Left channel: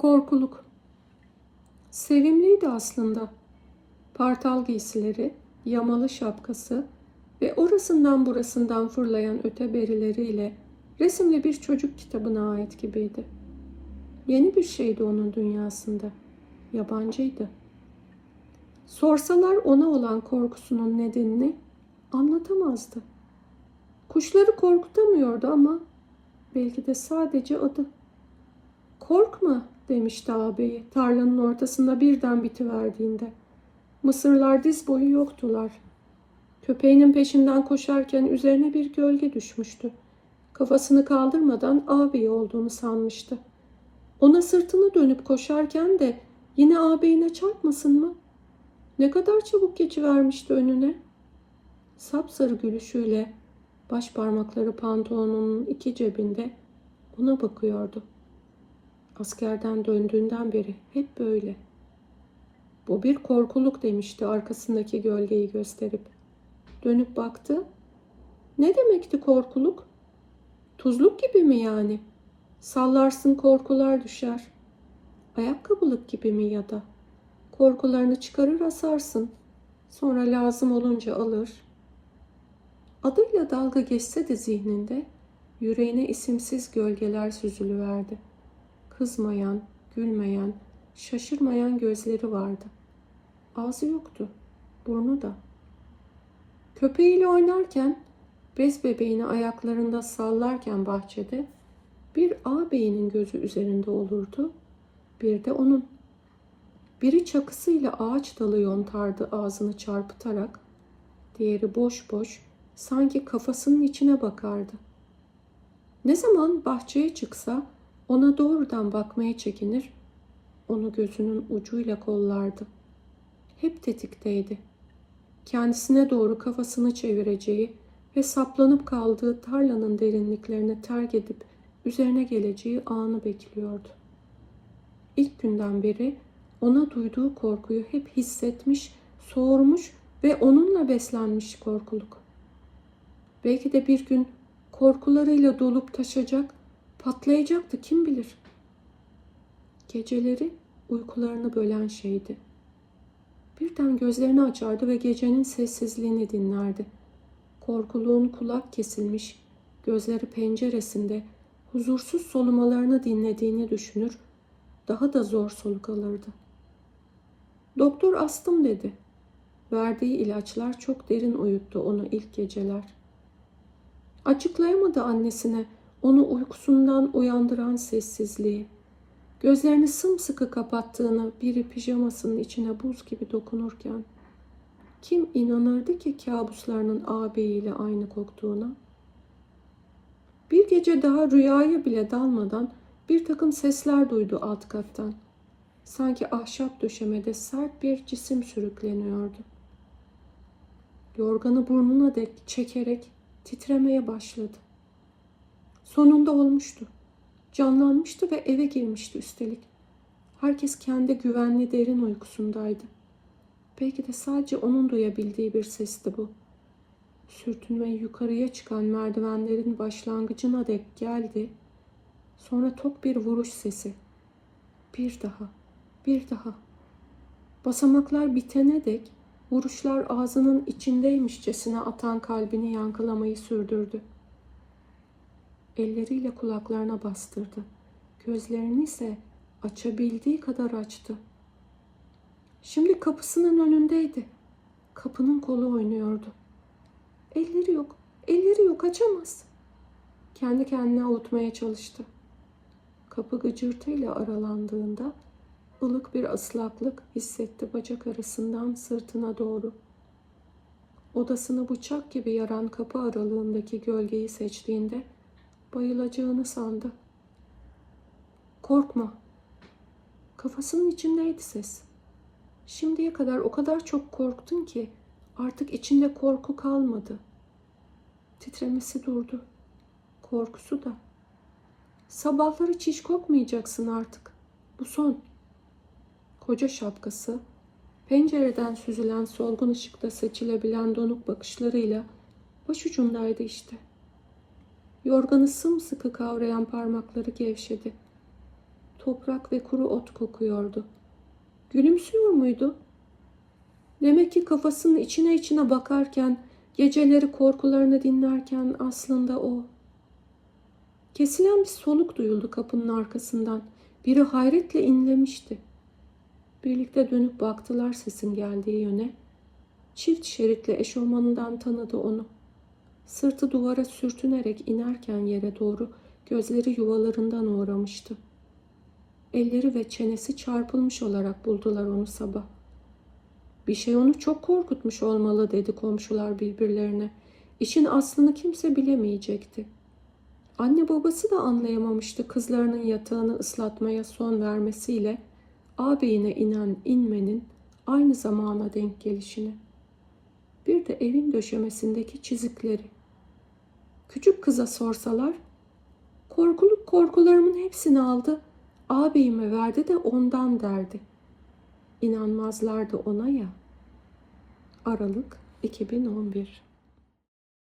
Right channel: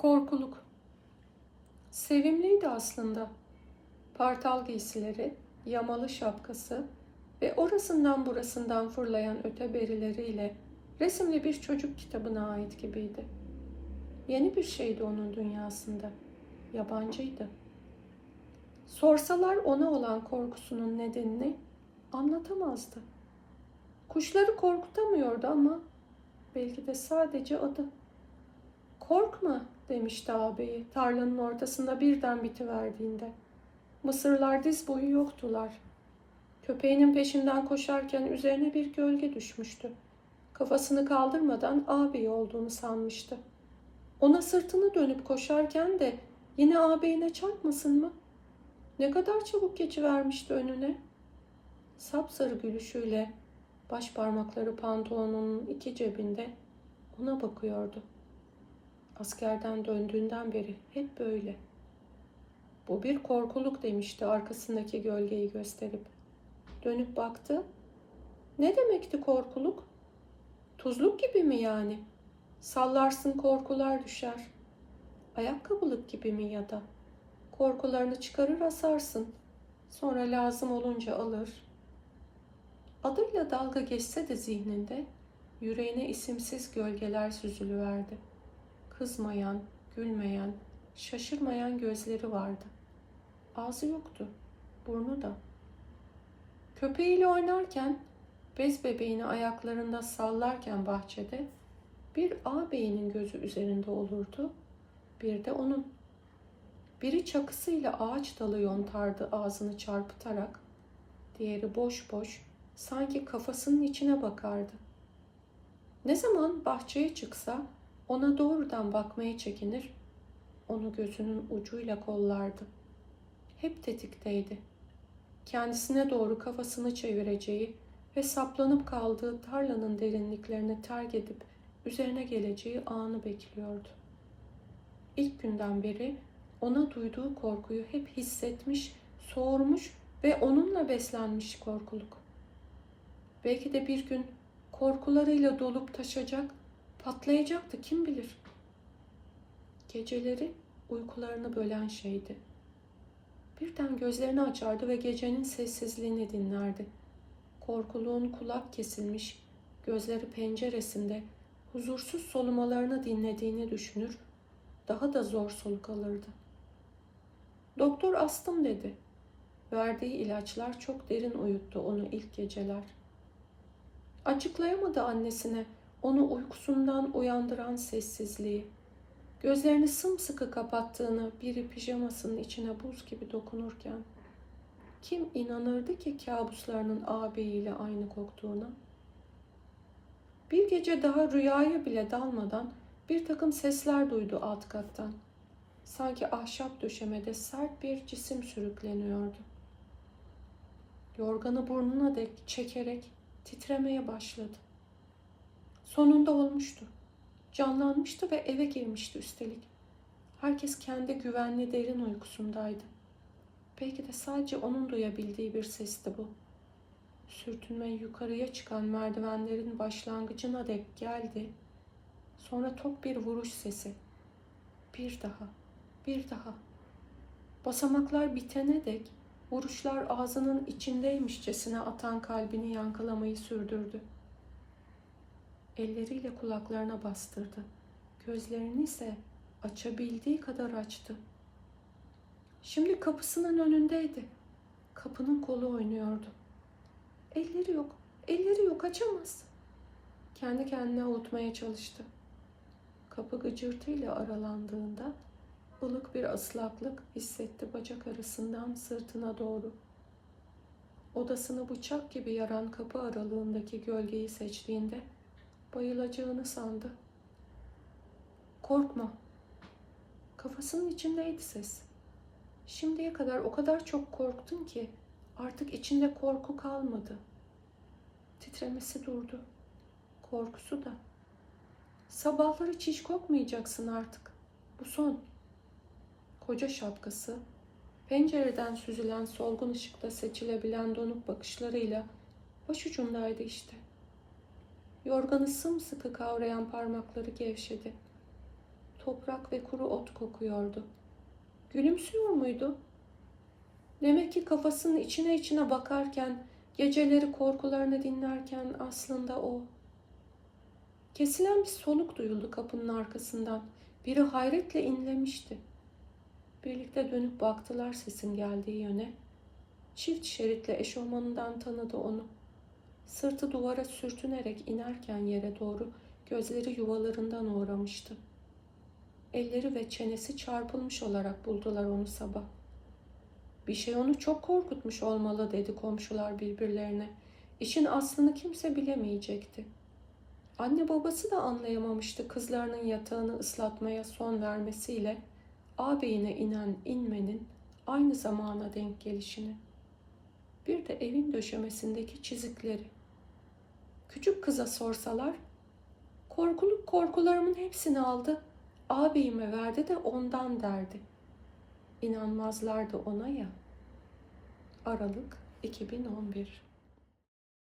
Korkuluk. Sevimliydi aslında. Partal giysileri, yamalı şapkası ve orasından burasından fırlayan öteberileriyle resimli bir çocuk kitabına ait gibiydi. Yeni bir şeydi onun dünyasında. Yabancıydı. Sorsalar ona olan korkusunun nedenini anlatamazdı. Kuşları korkutamıyordu ama belki de sadece adı. Korkma demişti ağabeyi tarlanın ortasında birden bitiverdiğinde. Mısırlar diz boyu yoktular. Köpeğinin peşinden koşarken üzerine bir gölge düşmüştü. Kafasını kaldırmadan ağabeyi olduğunu sanmıştı. Ona sırtını dönüp koşarken de yine ağabeyine çarpmasın mı? Ne kadar çabuk geçivermişti önüne. Sapsarı gülüşüyle baş parmakları pantolonunun iki cebinde ona bakıyordu. Askerden döndüğünden beri hep böyle. Bu bir korkuluk demişti arkasındaki gölgeyi gösterip. Dönüp baktı. Ne demekti korkuluk? Tuzluk gibi mi yani? Sallarsın korkular düşer. Ayakkabılık gibi mi ya da? Korkularını çıkarır asarsın. Sonra lazım olunca alır. Adıyla dalga geçse de zihninde yüreğine isimsiz gölgeler süzülüverdi. Kızmayan, gülmeyen, şaşırmayan gözleri vardı. Ağzı yoktu, burnu da. Köpeğiyle oynarken, bez bebeğini ayaklarında sallarken bahçede bir ağabeyinin gözü üzerinde olurdu, bir de onun. Biri çakısıyla ağaç dalı yontardı ağzını çarpıtarak, diğeri boş boş sanki kafasının içine bakardı. Ne zaman bahçeye çıksa ona doğrudan bakmaya çekinir, onu gözünün ucuyla kollardı. Hep tetikteydi. Kendisine doğru kafasını çevireceği ve saplanıp kaldığı tarlanın derinliklerini terk edip üzerine geleceği anı bekliyordu. İlk günden beri ona duyduğu korkuyu hep hissetmiş, soğurmuş ve onunla beslenmiş korkuluk. Belki de bir gün korkularıyla dolup taşacak, patlayacaktı kim bilir. Geceleri uykularını bölen şeydi. Birden gözlerini açardı ve gecenin sessizliğini dinlerdi. Korkuluğun kulak kesilmiş, gözleri penceresinde huzursuz solumalarını dinlediğini düşünür, daha da zor soluk alırdı. Doktor astım dedi. Verdiği ilaçlar çok derin uyuttu onu ilk geceler. Açıklayamadı annesine onu uykusundan uyandıran sessizliği. Gözlerini sımsıkı kapattığını biri pijamasının içine buz gibi dokunurken kim inanırdı ki kabuslarının ağabeyiyle aynı koktuğuna? Bir gece daha rüyaya bile dalmadan bir takım sesler duydu alt kattan. Sanki ahşap döşemede sert bir cisim sürükleniyordu. Yorganı burnuna dek çekerek titremeye başladı. Sonunda olmuştu. Canlanmıştı ve eve girmişti üstelik. Herkes kendi güvenli derin uykusundaydı. Belki de sadece onun duyabildiği bir sesti bu. Sürtünme yukarıya çıkan merdivenlerin başlangıcına dek geldi. Sonra tok bir vuruş sesi. Bir daha, bir daha. Basamaklar bitene dek vuruşlar ağzının içindeymişçesine atan kalbini yankılamayı sürdürdü. Elleriyle kulaklarına bastırdı. Gözlerini ise açabildiği kadar açtı. Şimdi kapısının önündeydi. Kapının kolu oynuyordu. Elleri yok, elleri yok açamaz. Kendi kendine avutmaya çalıştı. Kapı gıcırtıyla aralandığında ılık bir ıslaklık hissetti bacak arasından sırtına doğru. Odasını bıçak gibi yaran kapı aralığındaki gölgeyi seçtiğinde bayılacağını sandı. Korkma. Kafasının içindeydi ses. Şimdiye kadar o kadar çok korktun ki artık içinde korku kalmadı. Titremesi durdu. Korkusu da. Sabahları çiş kokmayacaksın artık. Bu son. Koca şapkası, pencereden süzülen solgun ışıkta seçilebilen donuk bakışlarıyla başucundaydı işte. Yorganı sımsıkı kavrayan parmakları gevşedi. Toprak ve kuru ot kokuyordu. Gülümsüyor muydu? Demek ki kafasının içine içine bakarken, geceleri korkularını dinlerken aslında o. Kesilen bir soluk duyuldu kapının arkasından. Biri hayretle inlemişti. Birlikte dönüp baktılar sesin geldiği yöne. Çift şeritli eşofmanından tanıdı onu. Sırtı duvara sürtünerek inerken yere doğru gözleri yuvalarından uğramıştı. Elleri ve çenesi çarpılmış olarak buldular onu sabah. Bir şey onu çok korkutmuş olmalı dedi komşular birbirlerine. İşin aslını kimse bilemeyecekti. Anne babası da anlayamamıştı kızlarının yatağını ıslatmaya son vermesiyle ağabeyine inen inmenin aynı zamana denk gelişini. Bir de evin döşemesindeki çizikleri. Küçük kıza sorsalar, korkuluk korkularımın hepsini aldı, ağabeyime verdi de ondan derdi. İnanmazlardı ona ya. Aralık 2011